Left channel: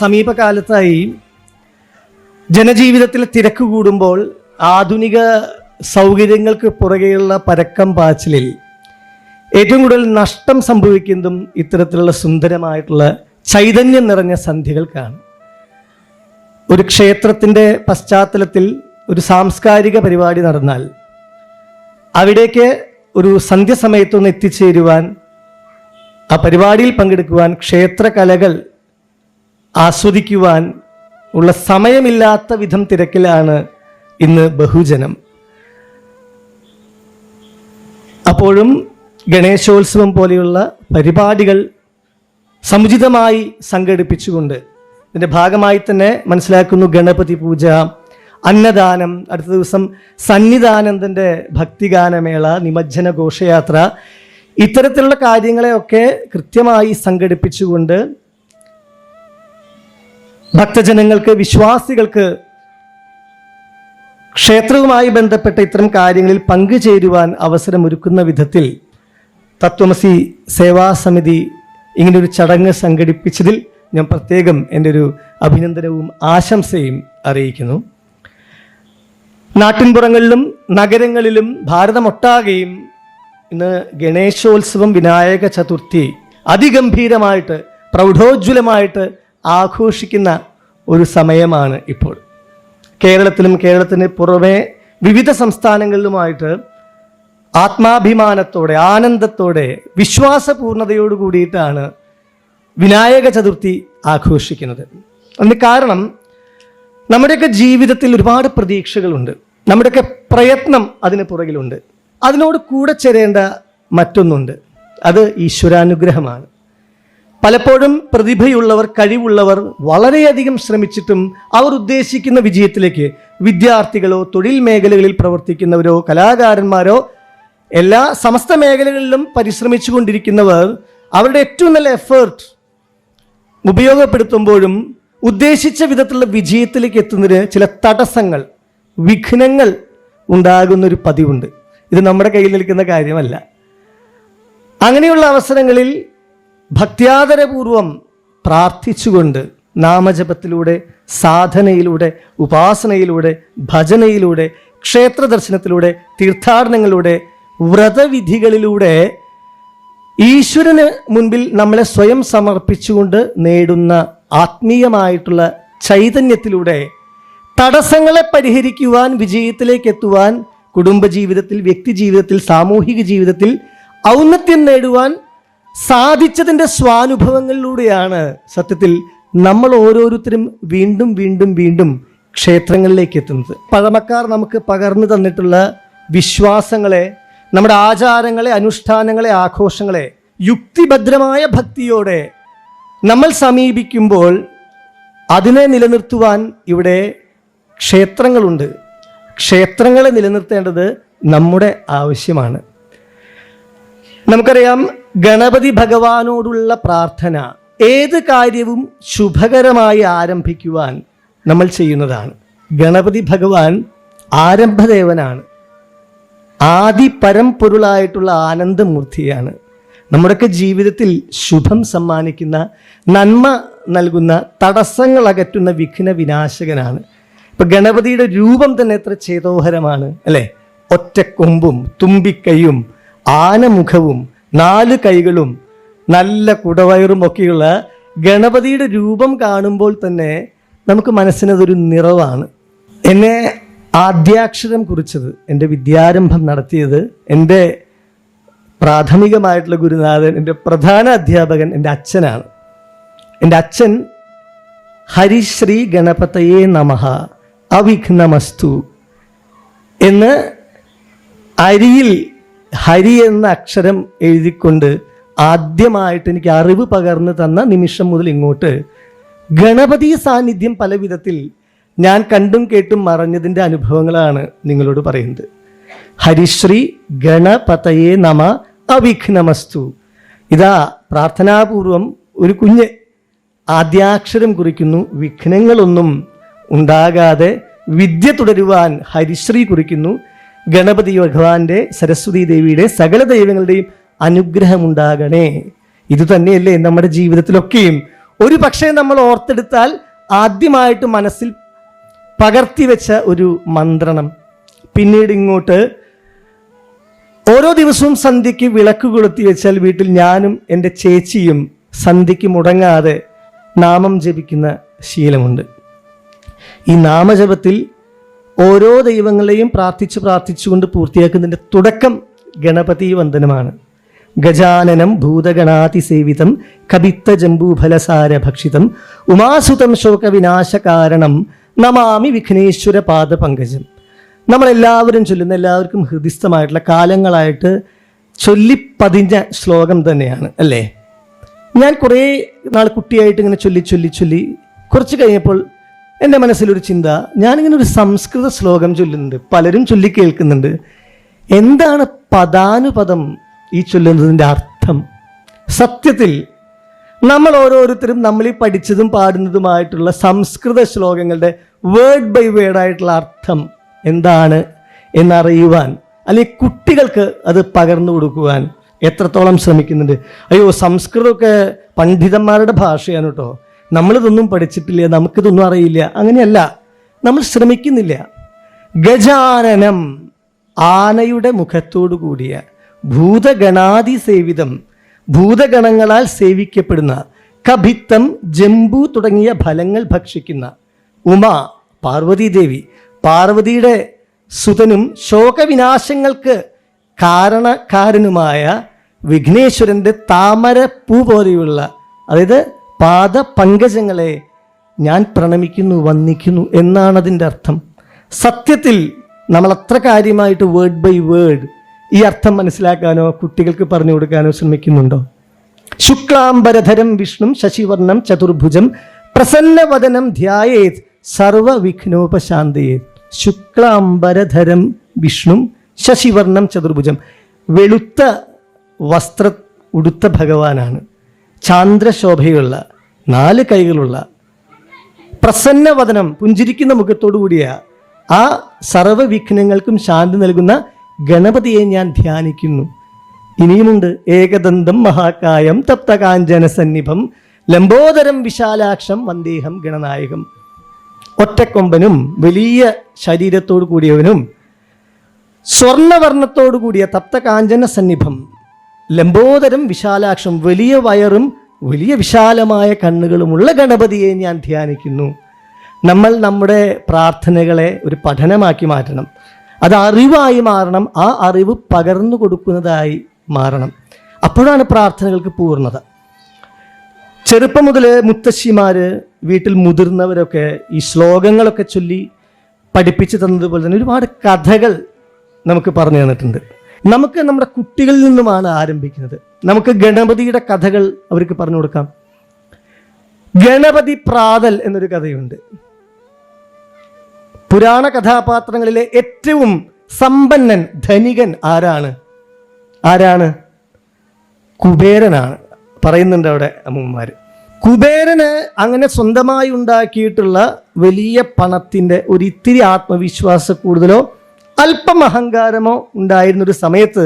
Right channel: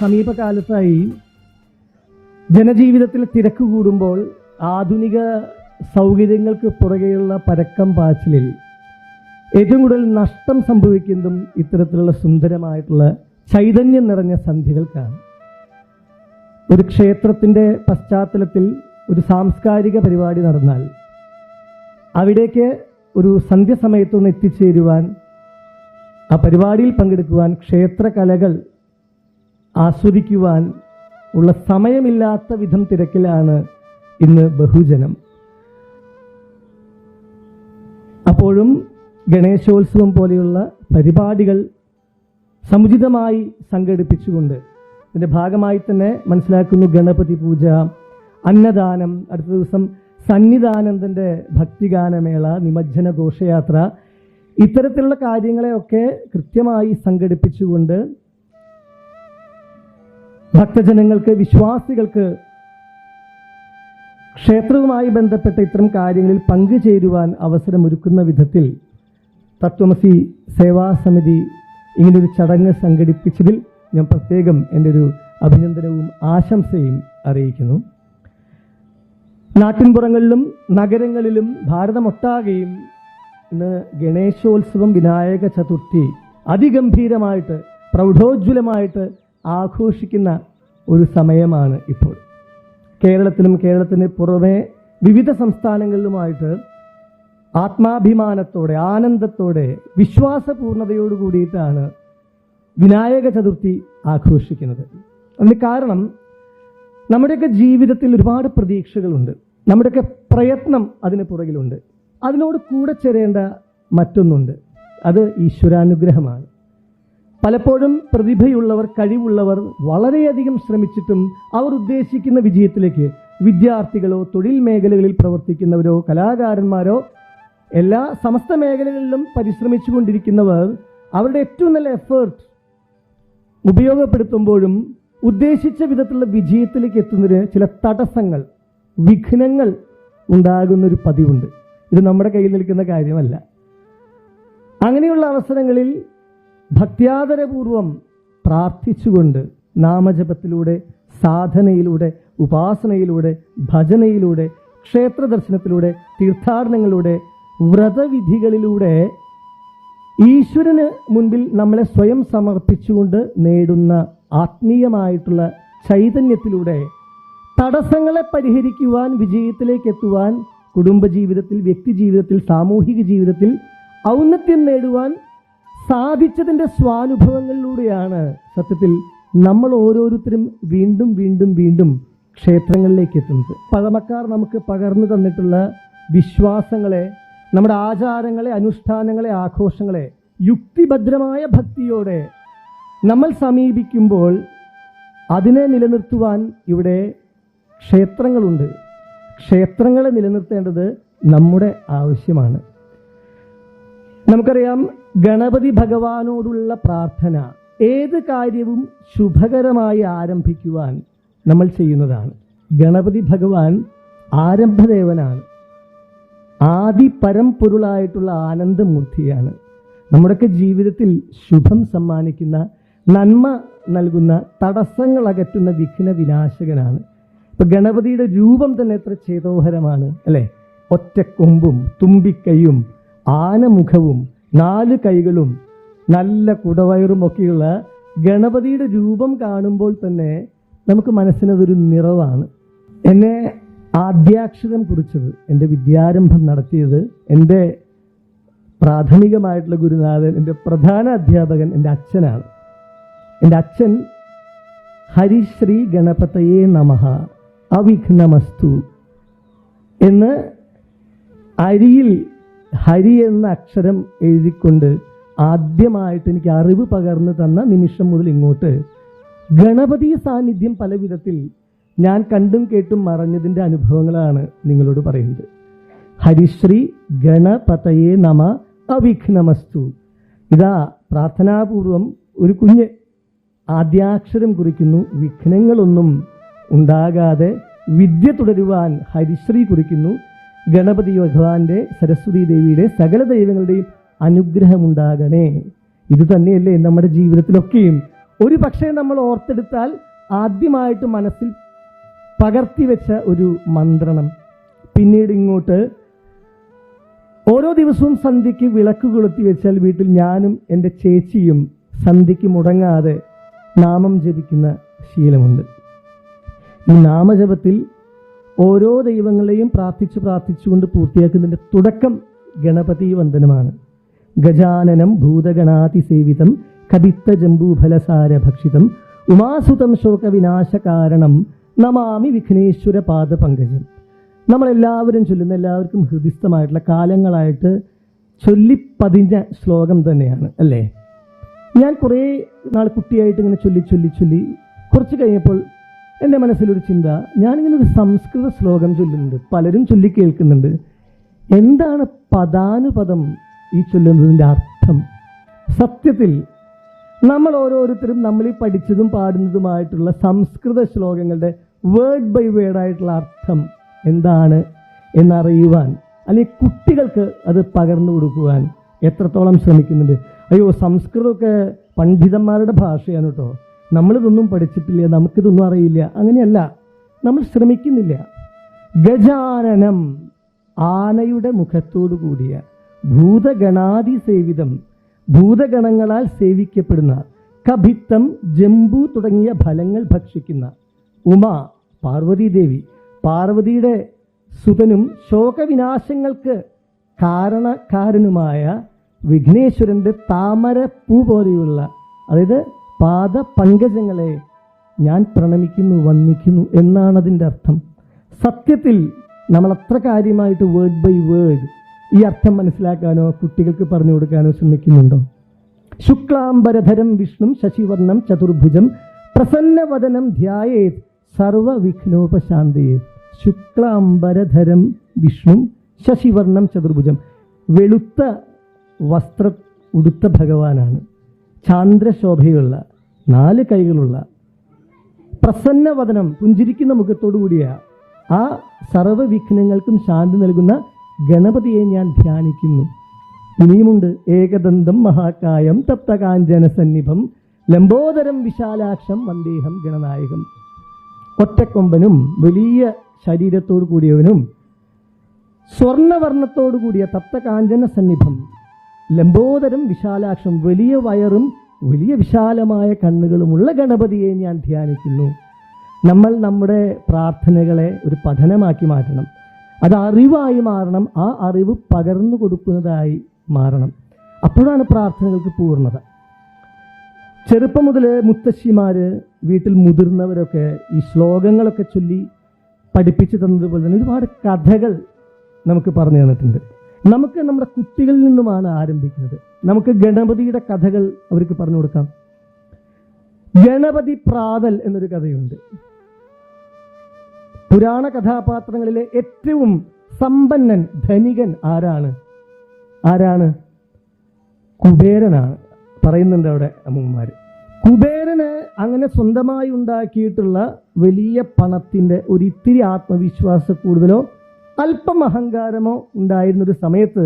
സമീപകാലത്തായി ജനജീവിതത്തിൽ തിരക്ക് കൂടുമ്പോൾ ആധുനിക സൗകര്യങ്ങൾക്ക് പുറകെയുള്ള പരക്കം പാച്ചിലിൽ ഏറ്റവും കൂടുതൽ നഷ്ടം സംഭവിക്കുന്നതും ഇത്തരത്തിലുള്ള സുന്ദരമായിട്ടുള്ള ചൈതന്യം നിറഞ്ഞ സന്ധ്യകൾക്കാണ്. ഒരു ക്ഷേത്രത്തിൻ്റെ പശ്ചാത്തലത്തിൽ ഒരു സാംസ്കാരിക പരിപാടി നടന്നാൽ അവിടേക്ക് ഒരു സന്ധ്യസമയത്തൊന്ന് എത്തിച്ചേരുവാൻ, ആ പരിപാടിയിൽ പങ്കെടുക്കുവാൻ, ക്ഷേത്രകലകൾ ആസ്വദിക്കുവാൻ ഉള്ള സമയമില്ലാത്ത വിധം തിരക്കിലാണ് ഇന്ന് ബഹുജനം. അപ്പോഴും ഗണേശോത്സവം പോലെയുള്ള പരിപാടികൾ സമുചിതമായി സംഘടിപ്പിച്ചുകൊണ്ട് ഇതിൻ്റെ ഭാഗമായി തന്നെ മനസ്സിലാക്കുന്നു ഗണപതി പൂജ, അന്നദാനം, അടുത്ത ദിവസം സന്നിധാനന്ദൻ്റെ ഭക്തിഗാനമേള, നിമജ്ജന ഘോഷയാത്ര, ഇത്തരത്തിലുള്ള കാര്യങ്ങളെയൊക്കെ കൃത്യമായി സംഘടിപ്പിച്ചുകൊണ്ട് ഭക്തജനങ്ങൾക്ക്, വിശ്വാസികൾക്ക് ക്ഷേത്രവുമായി ബന്ധപ്പെട്ട ഇത്തരം കാര്യങ്ങളിൽ പങ്കുചേരുവാൻ അവസരമൊരുക്കുന്ന വിധത്തിൽ തത്വമസി സേവാസമിതി ഇങ്ങനൊരു ചടങ്ങ് സംഘടിപ്പിച്ചതിൽ ഞാൻ പ്രത്യേകം എൻ്റെ ഒരു അഭിനന്ദനവും ആശംസയും അറിയിക്കുന്നു. നാട്ടിൻപുറങ്ങളിലും നഗരങ്ങളിലും ഭാരതമൊട്ടാകെയും ഇന്ന് ഗണേശോത്സവം, വിനായക ചതുർത്ഥി അതിഗംഭീരമായിട്ട് പ്രൗഢോജ്വലമായിട്ട് ആഘോഷിക്കുന്ന ഒരു സമയമാണ് ഇപ്പോൾ. കേരളത്തിലും കേരളത്തിന് പുറമെ വിവിധ സംസ്ഥാനങ്ങളിലുമായിട്ട് ആത്മാഭിമാനത്തോടെ, ആനന്ദത്തോടെ, വിശ്വാസപൂർണതയോട് കൂടിയിട്ടാണ് വിനായക ചതുർത്ഥി ആഘോഷിക്കുന്നത്. അതിന് കാരണം നമ്മുടെയൊക്കെ ജീവിതത്തിൽ ഒരുപാട് പ്രതീക്ഷകളുണ്ട്, നമ്മുടെയൊക്കെ പ്രയത്നം അതിന് പുറകിലുണ്ട്. അതിനോട് കൂടെ ചേരേണ്ട മറ്റൊന്നുണ്ട്, അത് ഈശ്വരാനുഗ്രഹമാണ്. പലപ്പോഴും പ്രതിഭയുള്ളവർ, കഴിവുള്ളവർ വളരെയധികം ശ്രമിച്ചിട്ടും അവർ ഉദ്ദേശിക്കുന്ന വിജയത്തിലേക്ക് വിദ്യാർത്ഥികളോ, തൊഴിൽ മേഖലകളിൽ പ്രവർത്തിക്കുന്നവരോ, കലാകാരന്മാരോ, എല്ലാ സമസ്ത മേഖലകളിലും പരിശ്രമിച്ചു കൊണ്ടിരിക്കുന്നവർ അവരുടെ ഏറ്റവും നല്ല എഫേർട്ട് ഉപയോഗപ്പെടുത്തുമ്പോഴും ഉദ്ദേശിച്ച വിധത്തിലുള്ള വിജയത്തിലേക്ക് എത്തുന്നതിന് ചില തടസ്സങ്ങൾ, വിഘ്നങ്ങൾ ഉണ്ടാകുന്നൊരു പതിവുണ്ട്. ഇത് നമ്മുടെ കയ്യിൽ നിൽക്കുന്ന കാര്യമല്ല. അങ്ങനെയുള്ള അവസരങ്ങളിൽ ഭക്ത്യാദരപൂർവം പ്രാർത്ഥിച്ചുകൊണ്ട് നാമജപത്തിലൂടെ, സാധനയിലൂടെ, ഉപാസനയിലൂടെ, ഭജനയിലൂടെ, ക്ഷേത്ര ദർശനത്തിലൂടെ, തീർത്ഥാടനങ്ങളിലൂടെ, വ്രതവിധികളിലൂടെ ഈശ്വരന് മുൻപിൽ നമ്മളെ സ്വയം സമർപ്പിച്ചുകൊണ്ട് നേടുന്ന ആത്മീയമായിട്ടുള്ള ചൈതന്യത്തിലൂടെ തടസ്സങ്ങളെ പരിഹരിക്കുവാൻ, വിജയത്തിലേക്ക് എത്തുവാൻ, കുടുംബജീവിതത്തിൽ, വ്യക്തിജീവിതത്തിൽ, സാമൂഹിക ജീവിതത്തിൽ ഔന്നത്യം നേടുവാൻ സാധിച്ചതിൻ്റെ സ്വാനുഭവങ്ങളിലൂടെയാണ് സത്യത്തിൽ നമ്മൾ ഓരോരുത്തരും വീണ്ടും വീണ്ടും വീണ്ടും ക്ഷേത്രങ്ങളിലേക്ക് എത്തുന്നത്. പഴമക്കാർ നമുക്ക് പകർന്നു തന്നിട്ടുള്ള വിശ്വാസങ്ങളെ, നമ്മുടെ ആചാരങ്ങളെ, അനുഷ്ഠാനങ്ങളെ, ആഘോഷങ്ങളെ യുക്തിഭദ്രമായ ഭക്തിയോടെ നമ്മൾ സമീപിക്കുമ്പോൾ അതിനെ നിലനിർത്തുവാൻ ഇവിടെ ക്ഷേത്രങ്ങളുണ്ട്. ക്ഷേത്രങ്ങളെ നിലനിർത്തേണ്ടത് നമ്മുടെ ആവശ്യമാണ്. നമുക്കറിയാം, ഗണപതി ഭഗവാനോടുള്ള പ്രാർത്ഥന ഏത് കാര്യവും ശുഭകരമായി ആരംഭിക്കുവാൻ നമ്മൾ ചെയ്യുന്നതാണ്. ഗണപതി ഭഗവാൻ ആരംഭദേവനാണ്, ആദി പരമ്പൊരുളായിട്ടുള്ള ആനന്ദമൂർത്തിയാണ്. നമ്മുടെയൊക്കെ ജീവിതത്തിൽ ശുഭം സമ്മാനിക്കുന്ന, നന്മ നൽകുന്ന, തടസ്സങ്ങൾ അകറ്റുന്ന വിഘ്ന വിനാശകനാണ്. ഇപ്പം ഗണപതിയുടെ രൂപം തന്നെ എത്ര ചേതോഹരമാണ് അല്ലേ? ഒറ്റക്കൊമ്പും തുമ്പിക്കൈയും ആനമുഖവും 4 കൈകളും നല്ല കുടവയറും ഒക്കെയുള്ള ഗണപതിയുടെ രൂപം കാണുമ്പോൾ തന്നെ നമുക്ക് മനസ്സിനതൊരു നിറവാണ്. എന്നെ ആദ്യാക്ഷരം കുറിച്ചത്, എൻ്റെ വിദ്യാരംഭം നടത്തിയത് എൻ്റെ പ്രാഥമികമായിട്ടുള്ള ഗുരുനാഥൻ, എൻ്റെ പ്രധാന അധ്യാപകൻ എൻ്റെ അച്ഛനാണ്. എൻ്റെ അച്ഛൻ ഹരിശ്രീ ഗണപതയേ നമഃ അവിഘ്നമസ്തു എന്ന് അരിയിൽ ഹരി എന്ന അക്ഷരം എഴുതിക്കൊണ്ട് ആദ്യമായിട്ട് എനിക്ക് അറിവ് പകർന്നു തന്ന നിമിഷം മുതൽ ഇങ്ങോട്ട് ഗണപതി സാന്നിധ്യം പല വിധത്തിൽ ഞാൻ കണ്ടും കേട്ടും മറഞ്ഞതിൻ്റെ അനുഭവങ്ങളാണ് നിങ്ങളോട് പറയുന്നത്. ഹരിശ്രീ ഗണപതയേ നമ അവിഘ്നമസ്തു. ഇതാ പ്രാർത്ഥനാപൂർവം ഒരു കുഞ്ഞ് ആദ്യാക്ഷരം കുറിക്കുന്നു, വിഘ്നങ്ങളൊന്നും ഉണ്ടാകാതെ വിദ്യ തുടരുവാൻ ഹരിശ്രീ കുറിക്കുന്നു. ഗണപതി ഭഗവാന്റെ, സരസ്വതി ദേവിയുടെ, സകല ദൈവങ്ങളുടെയും അനുഗ്രഹമുണ്ടാകണേ. ഇതുതന്നെയല്ലേ നമ്മുടെ ജീവിതത്തിലൊക്കെയും ഒരു പക്ഷേ നമ്മൾ ഓർത്തെടുത്താൽ ആദ്യമായിട്ട് മനസ്സിൽ പകർത്തി വെച്ച ഒരു മന്ത്രണം. പിന്നീട് ഇങ്ങോട്ട് ഓരോ ദിവസവും സന്ധ്യയ്ക്ക് വിളക്ക് കൊളുത്തി വെച്ചാൽ വീട്ടിൽ ഞാനും എൻ്റെ ചേച്ചിയും സന്ധ്യയ്ക്ക് മുടങ്ങാതെ നാമം ജപിക്കുന്ന ശീലമുണ്ട്. ഈ നാമജപത്തിൽ ഓരോ ദൈവങ്ങളെയും പ്രാർത്ഥിച്ചുകൊണ്ട് പൂർത്തിയാക്കുന്നതിൻ്റെ തുടക്കം ഗണപതി വന്ദനമാണ്. ഗജാനനം ഭൂതഗണാതിസേവിതം കപിത്ത ജംബൂഫലസാര ഭക്ഷിതം ഉമാസുതം ശോകവിനാശകാരണം നമാമി വിഘ്നേശ്വര പാദപങ്കജം. നമ്മളെല്ലാവരും ചൊല്ലുന്ന, എല്ലാവർക്കും ഹൃദിസ്ഥമായിട്ടുള്ള, കാലങ്ങളായിട്ട് ചൊല്ലിപ്പതിഞ്ഞ ശ്ലോകം തന്നെയാണ് അല്ലേ? ഞാൻ കുറേ നാൾ കുട്ടിയായിട്ട് ഇങ്ങനെ ചൊല്ലി കുറച്ച് കഴിഞ്ഞപ്പോൾ എൻ്റെ മനസ്സിലൊരു ചിന്ത, ഞാനിങ്ങനെ ഒരു സംസ്കൃത ശ്ലോകം ചൊല്ലുന്നുണ്ട്, പലരും ചൊല്ലി കേൾക്കുന്നുണ്ട്. എന്താണ് പദാനുപദം ഈ ചൊല്ലുന്നതിൻ്റെ അർത്ഥം? സത്യത്തിൽ നമ്മൾ ഓരോരുത്തരും നമ്മൾ ഈ പഠിച്ചതും പാടുന്നതുമായിട്ടുള്ള സംസ്കൃത ശ്ലോകങ്ങളുടെ വേർഡ് ബൈ വേർഡായിട്ടുള്ള അർത്ഥം എന്താണ് എന്നറിയുവാൻ, അല്ലെങ്കിൽ കുട്ടികൾക്ക് അത് പകർന്നു കൊടുക്കുവാൻ എത്രത്തോളം ശ്രമിക്കുന്നുണ്ട്. അയ്യോ, സംസ്കൃതമൊക്കെ പണ്ഡിതന്മാരുടെ ഭാഷയാണ് കേട്ടോ, നമ്മളിതൊന്നും പഠിച്ചിട്ടില്ല, നമുക്കിതൊന്നും അറിയില്ല. അങ്ങനെയല്ല, നമ്മൾ ശ്രമിക്കുന്നില്ല. ഗജാനനം, ആനയുടെ മുഖത്തോടു കൂടിയ, ഭൂതഗണാതി സേവിതം, ഭൂതഗണങ്ങളാൽ സേവിക്കപ്പെടുന്ന, കഭിത്തം, ജംബു തുടങ്ങിയ ഫലങ്ങൾ ഭക്ഷിക്കുന്ന, ഉമ, പാർവതീദേവി, പാർവതിയുടെ സുതനും ശോകവിനാശങ്ങൾക്ക് കാരണക്കാരനുമായ വിഘ്നേശ്വരൻ്റെ താമര പൂ പോലെയുള്ള, അതായത് പാദപങ്കജങ്ങളെ ഞാൻ പ്രണമിക്കുന്നു, വന്ദിക്കുന്നു എന്നാണ് അതിൻ്റെ അർത്ഥം. സത്യത്തിൽ നമ്മൾ അത്ര കാര്യമായിട്ട് വേർഡ് ബൈ വേർഡ് ഈ അർത്ഥം മനസ്സിലാക്കാനോ കുട്ടികൾക്ക് പറഞ്ഞു കൊടുക്കാനോ ശ്രമിക്കുന്നുണ്ടോ? ശുക്ലാംബരധരം വിഷ്ണു ശശിവർണം ചതുർഭുജം പ്രസന്നവദനം ധ്യായേത് സർവവിഘ്നോപശാന്തയേ. ശുക്ലാംബരധരം വിഷ്ണു ശശിവർണം ചതുർഭുജം, വെളുത്ത വസ്ത്ര ഉടുത്ത ഭഗവാനാണ്, ചാന്ദ്രശോഭയുള്ള 4 കൈകളുള്ള, പ്രസന്നവദനം, പുഞ്ചിരിക്കുന്ന മുഖത്തോടു കൂടിയ ആ സർവവിഘ്നങ്ങൾക്കും ശാന്തി നൽകുന്ന ഗണപതിയെ ഞാൻ ധ്യാനിക്കുന്നു. ഇനിയുമുണ്ട്. ഏകദന്തം മഹാകായം തപ്തകാഞ്ചന സന്നിഭം ലംബോദരം വിശാലാക്ഷം വന്ദേഹം ഗണനായകം. ഒറ്റക്കൊമ്പനും വലിയ ശരീരത്തോടു കൂടിയവനും സ്വർണവർണ്ണത്തോടു കൂടിയ തപ്തകാഞ്ചന സന്നിഭം, ലംബോദരം വിശാലാക്ഷം, വലിയ വയറും വലിയ വിശാലമായ കണ്ണുകളുമുള്ള ഗണപതിയെ ഞാൻ ധ്യാനിക്കുന്നു. നമ്മൾ നമ്മുടെ പ്രാർത്ഥനകളെ ഒരു പഠനമാക്കി മാറ്റണം. അത് അറിവായി മാറണം. ആ അറിവ് പകർന്നു കൊടുക്കുന്നതായി മാറണം. അപ്പോഴാണ് പ്രാർത്ഥനകൾക്ക് പൂർണ്ണത. ചെറുപ്പം മുതൽ മുത്തശ്ശിമാർ, വീട്ടിൽ മുതിർന്നവരൊക്കെ ഈ ശ്ലോകങ്ങളൊക്കെ ചൊല്ലി പഠിപ്പിച്ചു തന്നതുപോലെ തന്നെ ഒരുപാട് കഥകൾ നമുക്ക് പറഞ്ഞു തന്നിട്ടുണ്ട്. നമുക്ക് നമ്മുടെ കുട്ടികളിൽ നിന്നുമാണ് ആരംഭിക്കുന്നത്. നമുക്ക് ഗണപതിയുടെ കഥകൾ അവർക്ക് പറഞ്ഞു കൊടുക്കാം. ഗണപതി പ്രാതൽ എന്നൊരു കഥയുണ്ട്. പുരാണ കഥാപാത്രങ്ങളിലെ ഏറ്റവും സമ്പന്നൻ, ധനികൻ ആരാണ്? കുബേരനാണ്. പറയുന്നുണ്ട് അവിടെ അമ്മമാർ. കുബേരന് അങ്ങനെ സ്വന്തമായി ഉണ്ടാക്കിയിട്ടുള്ള വലിയ പണത്തിൻ്റെ ഒരു ഇത്തിരി ആത്മവിശ്വാസ കൂടുതലോ അല്പം അഹങ്കാരമോ ഉണ്ടായിരുന്നൊരു സമയത്ത്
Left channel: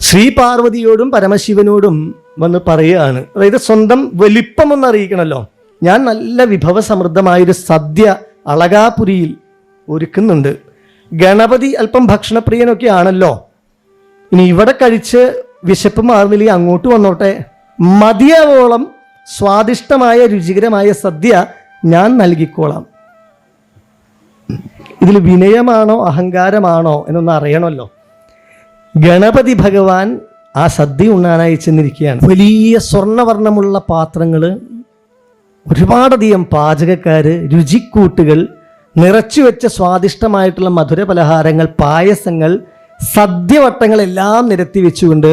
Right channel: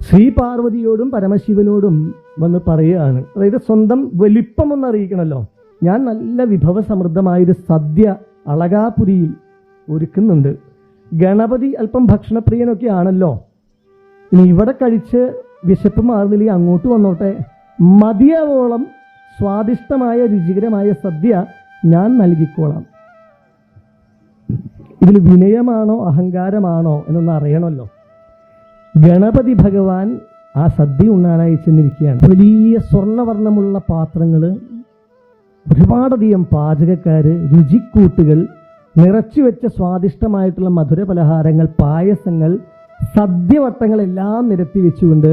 ശ്രീപാർവതിയോടും പരമശിവനോടും വന്ന് പറയുകയാണ്. അതായത് സ്വന്തം വലിപ്പമൊന്ന് അറിയിക്കണമല്ലോ, ഞാൻ നല്ല വിഭവസമൃദ്ധമായൊരു സദ്യ അളകാപുരിയിൽ ഒരുക്കുന്നുണ്ട്. ഗണപതി അല്പം ഭക്ഷണപ്രിയനൊക്കെ ആണല്ലോ, ഇനി ഇവിടെ കഴിച്ച് വിശപ്പ് മാറുന്നില്ലെങ്കിൽ അങ്ങോട്ട് വന്നോട്ടെ, മതിയാവോളം സ്വാദിഷ്ടമായ രുചികരമായ സദ്യ ഞാൻ നൽകിക്കോളാം. ഇതിൽ വിനയമാണോ അഹങ്കാരമാണോ എന്നൊന്ന് അറിയണമല്ലോ. ഗണപതി ഭഗവാൻ ആ സദ്യ ഉണ്ണാനായി ചെന്നിരിക്കുകയാണ്. വലിയ സ്വർണ്ണവർണ്ണമുള്ള പാത്രങ്ങൾ, ഒരുപാടധികം പാചകക്കാർ, രുചിക്കൂട്ടുകൾ, നിറച്ചു വെച്ച സ്വാദിഷ്ടമായിട്ടുള്ള മധുര പലഹാരങ്ങൾ, പായസങ്ങൾ, സദ്യവട്ടങ്ങളെല്ലാം നിരത്തി വെച്ചുകൊണ്ട്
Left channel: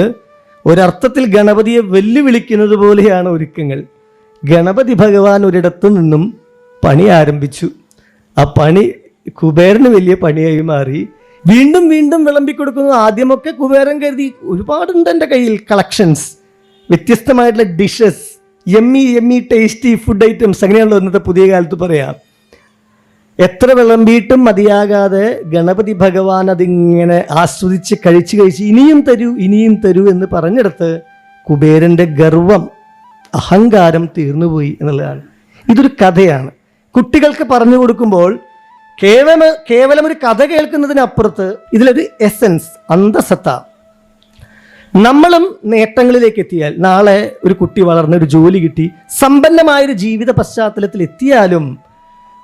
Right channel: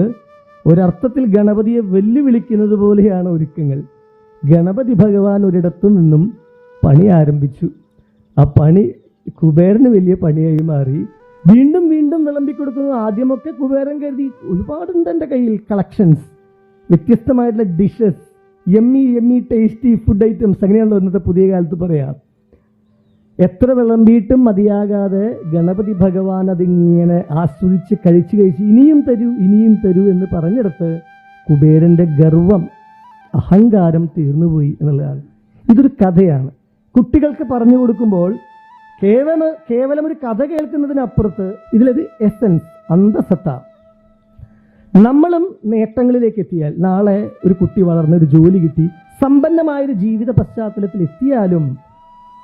ഒരർത്ഥത്തിൽ ഗണപതിയെ വെല്ലുവിളിക്കുന്നത് പോലെയാണ് ഒരുക്കങ്ങൾ. ഗണപതി ഭഗവാൻ ഒരിടത്തു നിന്നും പണി ആരംഭിച്ചു. ആ പണി കുബേരന് വലിയ പണിയായി മാറി. വീണ്ടും വീണ്ടും വിളമ്പിക്കൊടുക്കുന്നു. ആദ്യമൊക്കെ കുബേരൻ കരുതി ഒരുപാടുണ്ട് എൻ്റെ കയ്യിൽ കളക്ഷൻസ്, വ്യത്യസ്തമായിട്ടുള്ള dishes, yummy tasty food items, അങ്ങനെയാണല്ലോ ഇന്നത്തെ പുതിയ കാലത്ത് പറയാം. എത്ര വിളമ്പിയിട്ടും മതിയാകാതെ ഗണപതി ഭഗവാൻ അതിങ്ങനെ ആസ്വദിച്ച് കഴിച്ച് ഇനിയും തരൂ എന്ന് പറഞ്ഞെടുത്ത് കുബേരൻ്റെ ഗർവം അഹങ്കാരം തീർന്നുപോയി എന്നുള്ളതാണ്. ഇതൊരു കഥയാണ്. കുട്ടികൾക്ക് പറഞ്ഞു കൊടുക്കുമ്പോൾ കേവലം ഒരു കഥ കേൾക്കുന്നതിനപ്പുറത്ത് ഇതിലൊരു എസൻസ്, അന്തസത്ത. നമ്മളും നേട്ടങ്ങളിലേക്ക് എത്തിയാൽ, നാളെ ഒരു കുട്ടി വളർന്ന് ഒരു ജോലി കിട്ടി സമ്പന്നമായൊരു ജീവിത പശ്ചാത്തലത്തിൽ എത്തിയാലും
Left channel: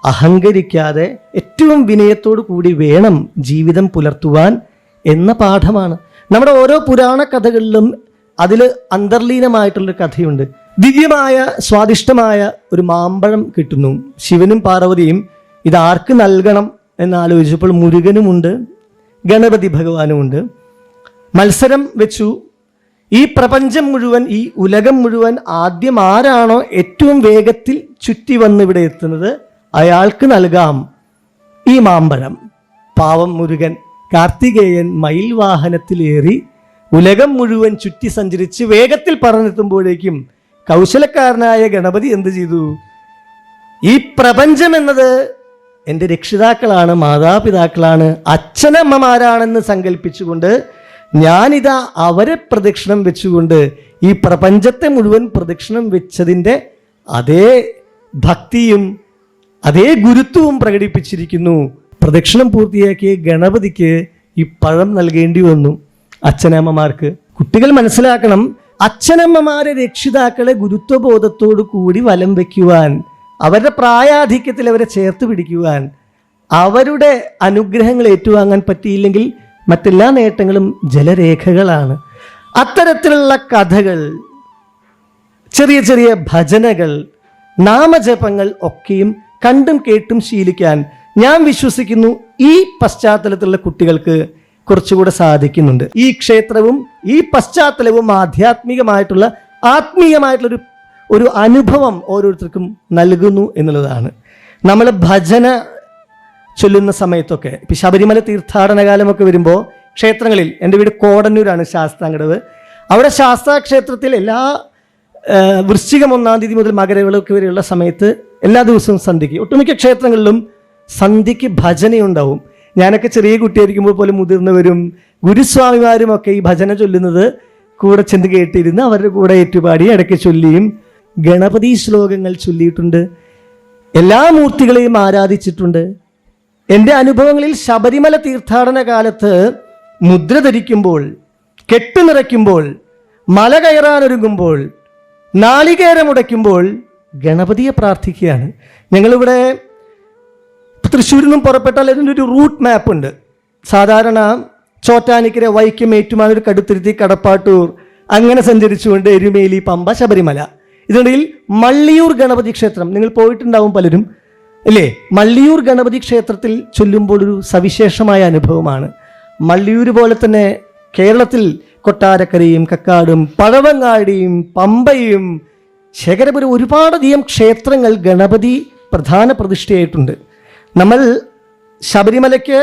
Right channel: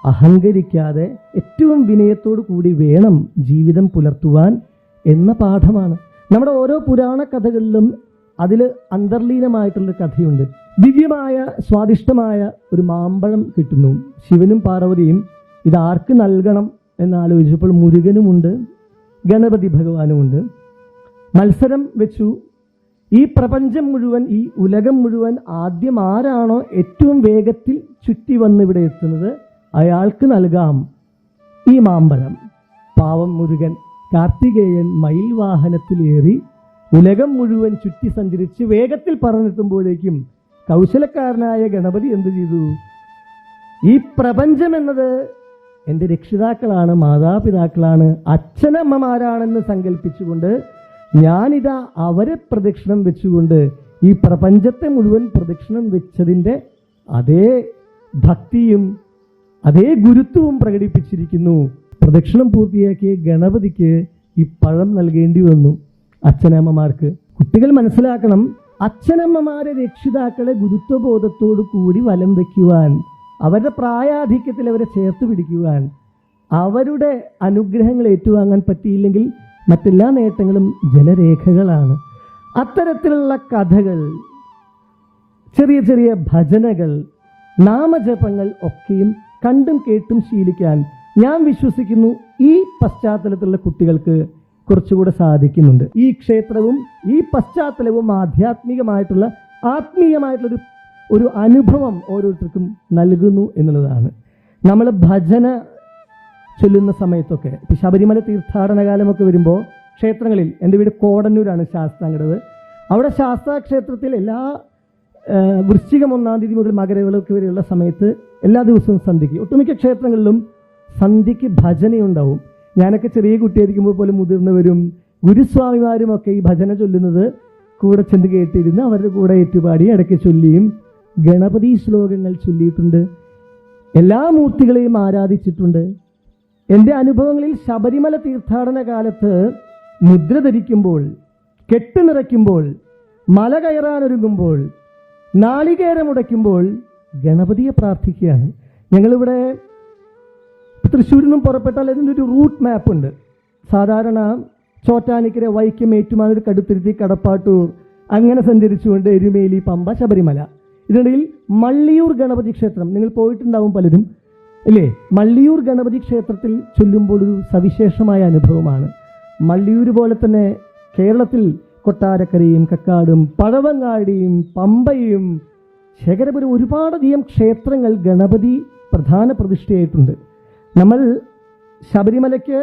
അഹങ്കരിക്കാതെ ഏറ്റവും വിനയത്തോടു കൂടി വേണം ജീവിതം പുലർത്തുവാൻ എന്ന പാഠമാണ്. നമ്മുടെ ഓരോ പുരാണ കഥകളിലും അതിൽ അന്തർലീനമായിട്ടുള്ളൊരു കഥയുണ്ട്. ദിവ്യമായ സ്വാദിഷ്ടമായ ഒരു മാമ്പഴം കിട്ടുന്നു. ശിവനും പാർവതിയും ഇതാർക്ക് നൽകണം എന്നാലോചിച്ചപ്പോൾ മുരുകനുമുണ്ട്, ഗണപതി ഭഗവാനുമുണ്ട്. മത്സരം വെച്ചു. ഈ പ്രപഞ്ചം മുഴുവൻ, ഈ ഉലകം മുഴുവൻ ആദ്യം ആരാണോ ഏറ്റവും വേഗത്തിൽ ചുറ്റി വന്ന് ഇവിടെ എത്തുന്നത് അയാൾക്ക് നൽകാം ഈ മാമ്പഴം. പാവം മുരുകൻ, കാർത്തികേയൻ മയിൽ വാഹനത്തിലേറി ഉലകം മുഴുവൻ ചുറ്റി സഞ്ചരിച്ച് വേഗത്തിൽ പറന്നെത്തുമ്പോഴേക്കും കൗശലക്കാരനായ ഗണപതി എന്ത് ചെയ്തു? ഈ പ്രപഞ്ചം എന്നത് എൻ്റെ രക്ഷിതാക്കളാണ്, മാതാപിതാക്കളാണ്, അച്ഛനമ്മമാരാണെന്ന് സങ്കല്പിച്ചുകൊണ്ട് ഞാനിതാ അവരെ പ്രദക്ഷിണം വെച്ചുകൊണ്ട് ഈ പ്രപഞ്ചത്തെ മുഴുവൻ പ്രദക്ഷിണം വെച്ചതിൻ്റെ അതേ ഭക്തിയും അതേ ഗുരുത്വവും പ്രകടിപ്പിച്ചിരിക്കുന്നു. പ്രദക്ഷിണം പൂർത്തിയാക്കിയ ഗണപതിക്ക് ഈ പഴം നൽകേണ്ടി വന്നു അച്ഛനമ്മമാർക്ക്. കുട്ടികൾ മനസ്സിലാക്കണം, അച്ഛനമ്മമാരെ രക്ഷിതാക്കളെ ഗുരുത്വബോധത്തോടു കൂടി വലം വയ്ക്കുവാൻ, അവരുടെ പ്രായാധിക്യത്തിൽ അവരെ ചേർത്ത് പിടിക്കുവാൻ, അവരുടെ അനുഗ്രഹങ്ങൾ ഏറ്റുവാങ്ങാൻ പറ്റിയില്ലെങ്കിൽ മറ്റെല്ലാ നേട്ടങ്ങളും ജലരേഖകളാണ്. അത്തരത്തിലുള്ള കഥകൾ, ചെറിയ ചെറിയ ഭജനകൾ, നാമജപങ്ങൾ ഒക്കെയും കണ്ടും കേട്ടും ശീലിക്കാൻ ഞാൻ വിശ്വസിക്കുന്നു ഈ പശ്ചാത്തലത്തിലുള്ള കുട്ടികൾക്ക് കുറച്ചുകൂടെ സാധിക്കുന്നുണ്ട്. ഈ ക്ഷേത്രവും ഈ പശ്ചാത്തലവും ആത്മീയമായിട്ടുള്ള ഒരു അനുഭവം ഓരോരുത്തർക്കും നൽകുന്നു എന്നുള്ളതാണ്. നമ്മൾ ഭജന ചൊല്ലുന്ന സമയത്തൊക്കെ, ഇപ്പം ശബരിമല തീർത്ഥാടന കാലമൊക്കെ വരുമ്പോൾ ക്ഷേത്രങ്ങളിൽ, എൻ്റെ വീട് കോടന്നൂരാണ്, ശാസ്താംകടവ്. അവിടെ ശാസ്താ ക്ഷേത്രത്തിൽ എല്ലാ വൃശ്ചികം 1-ാം തീയതി മുതൽ മകരവിളക്ക് വരെയുള്ള സമയത്ത് എല്ലാ ദിവസവും സന്ധ്യയ്ക്ക് ഒട്ടുമിക്ക ക്ഷേത്രങ്ങളിലും സന്ധ്യയ്ക്ക് ഭജനയുണ്ടാവും. ഞാനൊക്കെ ചെറിയ കുട്ടിയായിരിക്കുമ്പോൾ പോലും മുതിർന്നവരും ഗുരുസ്വാമിമാരും ഒക്കെ ഈ ഭജന ചൊല്ലുന്നത് കൂടെ ചെന്ന് കേട്ടിരുന്ന് അവരുടെ കൂടെ ഏറ്റുപാടി ഇടയ്ക്ക് ചൊല്ലിയും ഗണപതി ശ്ലോകങ്ങൾ ചൊല്ലിയിട്ടുണ്ട്. എല്ലാ മൂർത്തികളെയും ആരാധിച്ചിട്ടുണ്ട്. എൻ്റെ അനുഭവങ്ങളിൽ ശബരിമല തീർത്ഥാടന കാലത്ത് മുദ്ര ധരിക്കുമ്പോൾ, കെട്ടുനിറയ്ക്കുമ്പോൾ, മല കയറാനൊരുങ്ങുമ്പോൾ, നാളികേരമുടയ്ക്കുമ്പോൾ ഗണപതിയെ പ്രാർത്ഥിക്കുകയാണ്. ഞങ്ങളിവിടെ തൃശ്ശൂരിൽ നിന്നും പുറപ്പെട്ടാൽ അതിൻ്റെ ഒരു റൂട്ട് മാപ്പ് ഉണ്ട്. സാധാരണ ചോറ്റാനിക്കര, വൈക്കം, ഏറ്റുമാനൂർ, കടുത്തുരുത്തി, കടപ്പാട്ടൂർ അങ്ങനെ സഞ്ചരിച്ചുകൊണ്ട് എരുമേലി, പമ്പ, ശബരിമല. ഇതിനിടയിൽ മള്ളിയൂർ ഗണപതി ക്ഷേത്രം നിങ്ങൾ പോയിട്ടുണ്ടാവും പലരും അല്ലേ? മള്ളിയൂർ ഗണപതി ക്ഷേത്രത്തിൽ ചൊല്ലുമ്പോൾ ഒരു സവിശേഷമായ അനുഭവമാണ്. മള്ളിയൂർ പോലെ തന്നെ കേരളത്തിൽ കൊട്ടാരക്കരയും കക്കാടും പഴവങ്ങാടിയും പമ്പയും ശേഖരപുരം ഒരുപാടധികം ക്ഷേത്രങ്ങൾ ഗണപതി പ്രധാന പ്രതിഷ്ഠയായിട്ടുണ്ട്. നമ്മൾ ശബരിമലയ്ക്ക്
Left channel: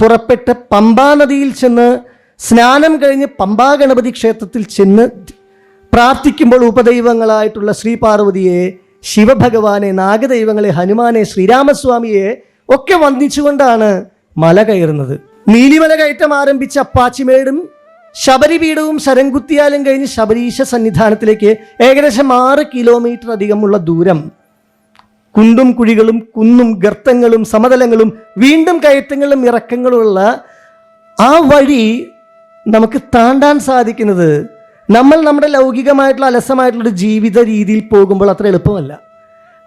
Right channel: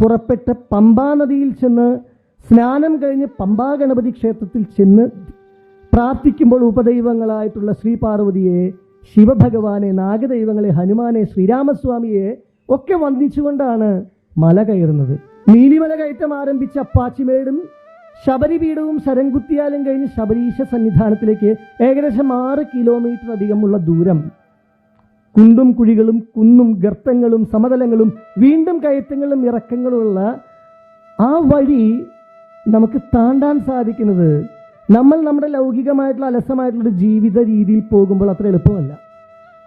പുറപ്പെട്ട് പമ്പാ നദിയിൽ ചെന്ന് സ്നാനം കഴിഞ്ഞ് പമ്പാ ഗണപതി ക്ഷേത്രത്തിൽ ചെന്ന് പ്രാർത്ഥിക്കുമ്പോൾ ഉപദൈവങ്ങളായിട്ടുള്ള ശ്രീ പാർവതിയെ, ശിവഭഗവാനെ, നാഗദൈവങ്ങളെ, ഹനുമാനെ, ശ്രീരാമസ്വാമിയെ ഒക്കെ വന്ദിച്ചുകൊണ്ടാണ് മല കയറുന്നത്. നീലിമല കയറ്റം ആരംഭിച്ച അപ്പാച്ചിമേടും ശബരിപീഠവും ശരംകുത്തിയാലും കഴിഞ്ഞ് ശബരീശ സന്നിധാനത്തിലേക്ക് ഏകദേശം 6 കിലോമീറ്റർ അധികമുള്ള ദൂരം. കുണ്ടും കുഴികളും കുന്നും ഗർത്തങ്ങളും സമതലങ്ങളും വീണ്ടും കയറ്റങ്ങളും ഇറക്കങ്ങളുമുള്ള ആ വഴി നമുക്ക് താണ്ടാൻ സാധിക്കുന്നത് നമ്മൾ നമ്മുടെ ലൗകികമായിട്ടുള്ള അലസമായിട്ടുള്ളൊരു ജീവിത രീതിയിൽ പോകുമ്പോൾ അത്ര എളുപ്പമല്ല.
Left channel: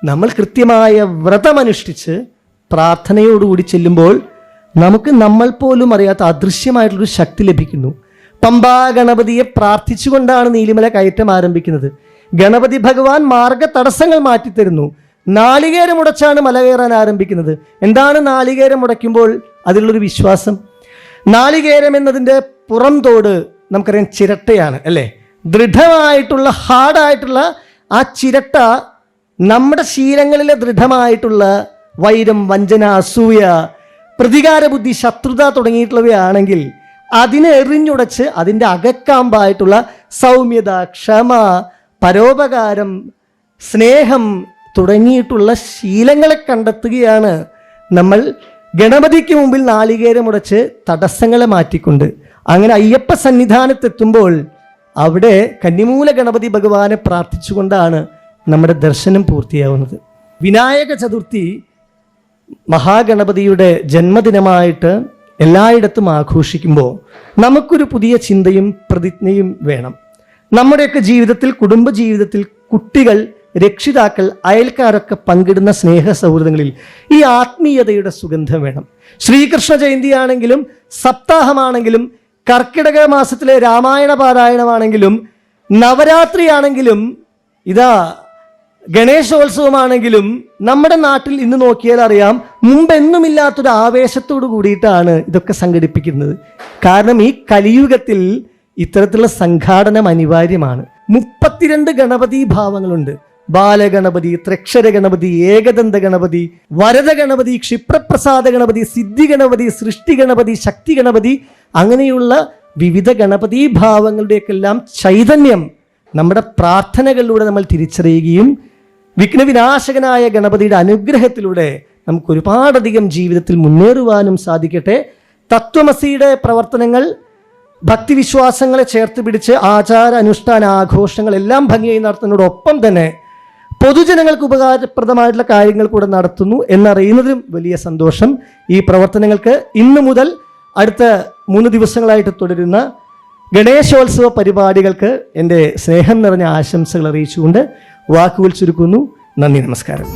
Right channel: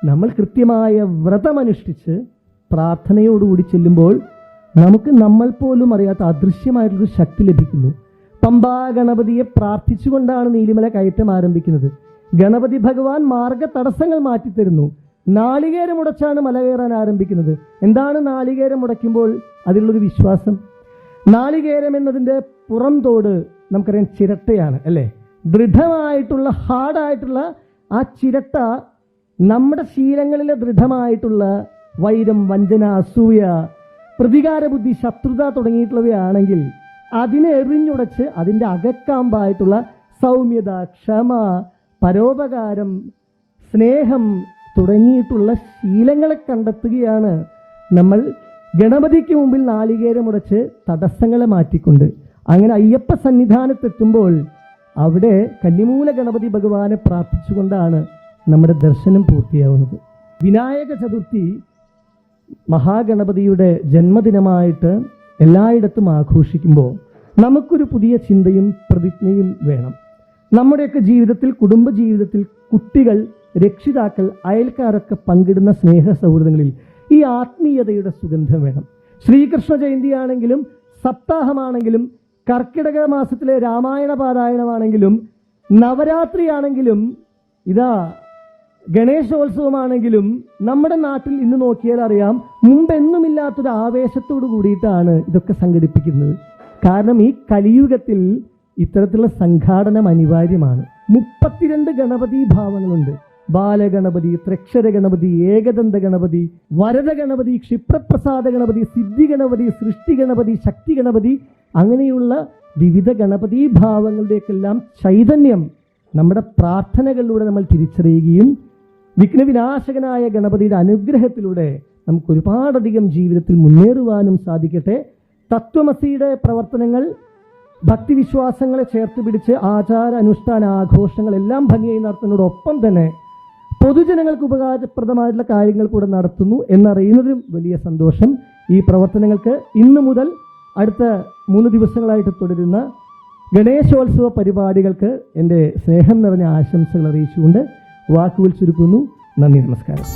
നമ്മൾ കൃത്യമായ വ്രതമനുഷ്ഠിച്ച് പ്രാർത്ഥനയോടുകൂടി ചെല്ലുമ്പോൾ നമുക്ക് നമ്മൾ പോലും അറിയാത്ത അദൃശ്യമായിട്ടുള്ളൊരു ശക്തി ലഭിക്കുന്നു. പമ്പാ ഗണപതിയെ പ്രാർത്ഥിച്ചുകൊണ്ടാണ് നീലിമല കയറ്റം ആരംഭിക്കുന്നത്. ഗണപതി ഭഗവാൻ മാർഗ തടസ്സങ്ങൾ മാറ്റിത്തരുന്നു. നാളികേരം ഉടച്ചാണ് മല കയറാൻ ആരംഭിക്കുന്നത്. എന്താണ് നാളികേരം ഉടയ്ക്കുമ്പോൾ അതിലുള്ളൊരു വിശ്വാസം? നാളികേരം എന്നതിൻ്റെ പുറം തോട് നമുക്കറിയാം ചിരട്ടയാണ് അല്ലേ? ദൃഢമായിട്ടുള്ള ഹാർഡായിട്ടുള്ള ആ ചിരട്ട നമ്മുടെ ശീലങ്ങളിലെ ദൃഢമായിട്ടുള്ള വൈരം, വഞ്ചന, അസൂയ, പ്രതികാര ബുദ്ധി, ശത്രുത തുടങ്ങിയിട്ടുള്ളവയാണെങ്കിൽ അതിനെ എറിഞ്ഞുടച്ച് അതിൻ്റെ അകക്കാമ്പായിട്ടുള്ള സൗമ്യത, ക്ഷമ, പരോപകാരം, സ്നേഹം തുടങ്ങിയിട്ടുള്ള ശീലങ്ങളെ കണ്ടെത്തുകയാണ് നമ്മൾ ഗണപതിക്ക് മുമ്പിൽ നാളികേരമുടച്ച് തടസ്സങ്ങളെ മാറ്റിക്കൊണ്ട്. അങ്ങനെ അയ്യപ്പ സന്നിധാനത്തെത്തുമ്പോൾ അവിടെ കന്നിമൂല ഗണപതി ഭഗവാനെ പ്രാർത്ഥിച്ചുകൊണ്ടാണ് നമ്മുടെ ദർശനം പൂർത്തിയാവുന്നത്. വിനായക ചതുർത്ഥി മഹാഗണപതിയുടെ ജന്മദിനമായിട്ട് എല്ലായിടത്തും ആഘോഷിക്കുമ്പോൾ നമുക്കൊരു പുതിയ ചിന്തയും പ്രതിജ്ഞയും വേണം. നമ്മുടെയൊക്കെ ജീവിതത്തിൽ, കുടുംബ ജീവിതത്തിൽ കുട്ടികൾ, രക്ഷിതാക്കൾ, അയൽക്കാരൊക്കെ പങ്കിടുന്ന സ്നേഹ സൗഹൃദങ്ങളിൽ ഈ ആത്മീയതയുടെ സുഗന്ധം വേണം. ശ്രീകൃഷ്ണ ജയന്തിയാണെങ്കിലും, സപ്താഹമാണെങ്കിലും, കർക്കിടക മാസത്തിലെ രാമായണ പാരായണമാണെങ്കിലും, നവരാത്രിയാണെങ്കിലും, ഇതാ ഗണേശോത്സവമാണെങ്കിലും, നമ്മുടെ നാട്ടിൽ ഇന്ന് നോക്കിയാൽ അറിയാം, മുമ്പെന്നുമില്ലാത്തൊരു ആവേശത്തോടു കൂടിയിട്ടാണ് ഇതൊക്കെ സംഘടിപ്പിക്കുന്നത്. കാരണം ഈ കലിയുഗത്തിൽ ഇത്തരത്തിലുള്ള സംഘാടനം അനിവാര്യമാണ്. 32 ഗണപതി ഭാവങ്ങളുണ്ട്. ബാലഗണപതി, ത്രക്ഷര ഗണപതി, ഏകദന്ത ഗണപതി, വരദ ഗണപതി, ക്ഷിപ്രപ്രസാദ ഗണപതി, സിദ്ധി ഗണപതി, സൃഷ്ടി ഗണപതി, ശക്തി ഗണപതി, അങ്ങനെയുള്ള വിവിധ ഗണപതി ഭാവങ്ങളുടെയൊക്കെല്ലാം ചൈതന്യം നമ്മുടെ പ്രാർത്ഥനകളിലൂടെ നമ്മൾ തിരിച്ചറിയുകയും വിഘ്നവിനാശകനായ ഗണപതിയുടെ അനുഗ്രഹത്തിലൂടെ നമുക്ക് ഒരുപാടധികം ജീവിതത്തിൽ മുന്നേറുവാനും സാധിക്കട്ടെ. തത്വമസിയുടെ പ്രവർത്തനങ്ങൾ, ഭക്തിവിശ്വാസങ്ങളെ ചേർത്ത് പിടിച്ച് ആചാര അനുഷ്ഠാന ആഘോഷങ്ങളെല്ലാം ഭംഗിയായി നടത്തുന്നതോടൊപ്പം തന്നെ പൊതുജനങ്ങൾക്ക് ഉപകാരപ്രദമായിട്ടുള്ള കാര്യങ്ങൾ കൂടെ നടത്തുന്നു എന്നറിയുന്നതിലും വലിയ സന്തോഷം. ഈ പ്രവർത്തനങ്ങൾക്ക് ഇന്നു മുതൽ അടുത്ത 3 ദിവസങ്ങളായിട്ട് തുടരുന്ന ഗണേശോത്സവ പരിപാടികൾക്ക് എൻ്റെ സ്നേഹം നിറഞ്ഞ ആശംസകൾ അറിയിച്ചുകൊണ്ട് വാക്കുകൾ ചുരുക്കുന്നു. നന്ദി, നമസ്കാരം.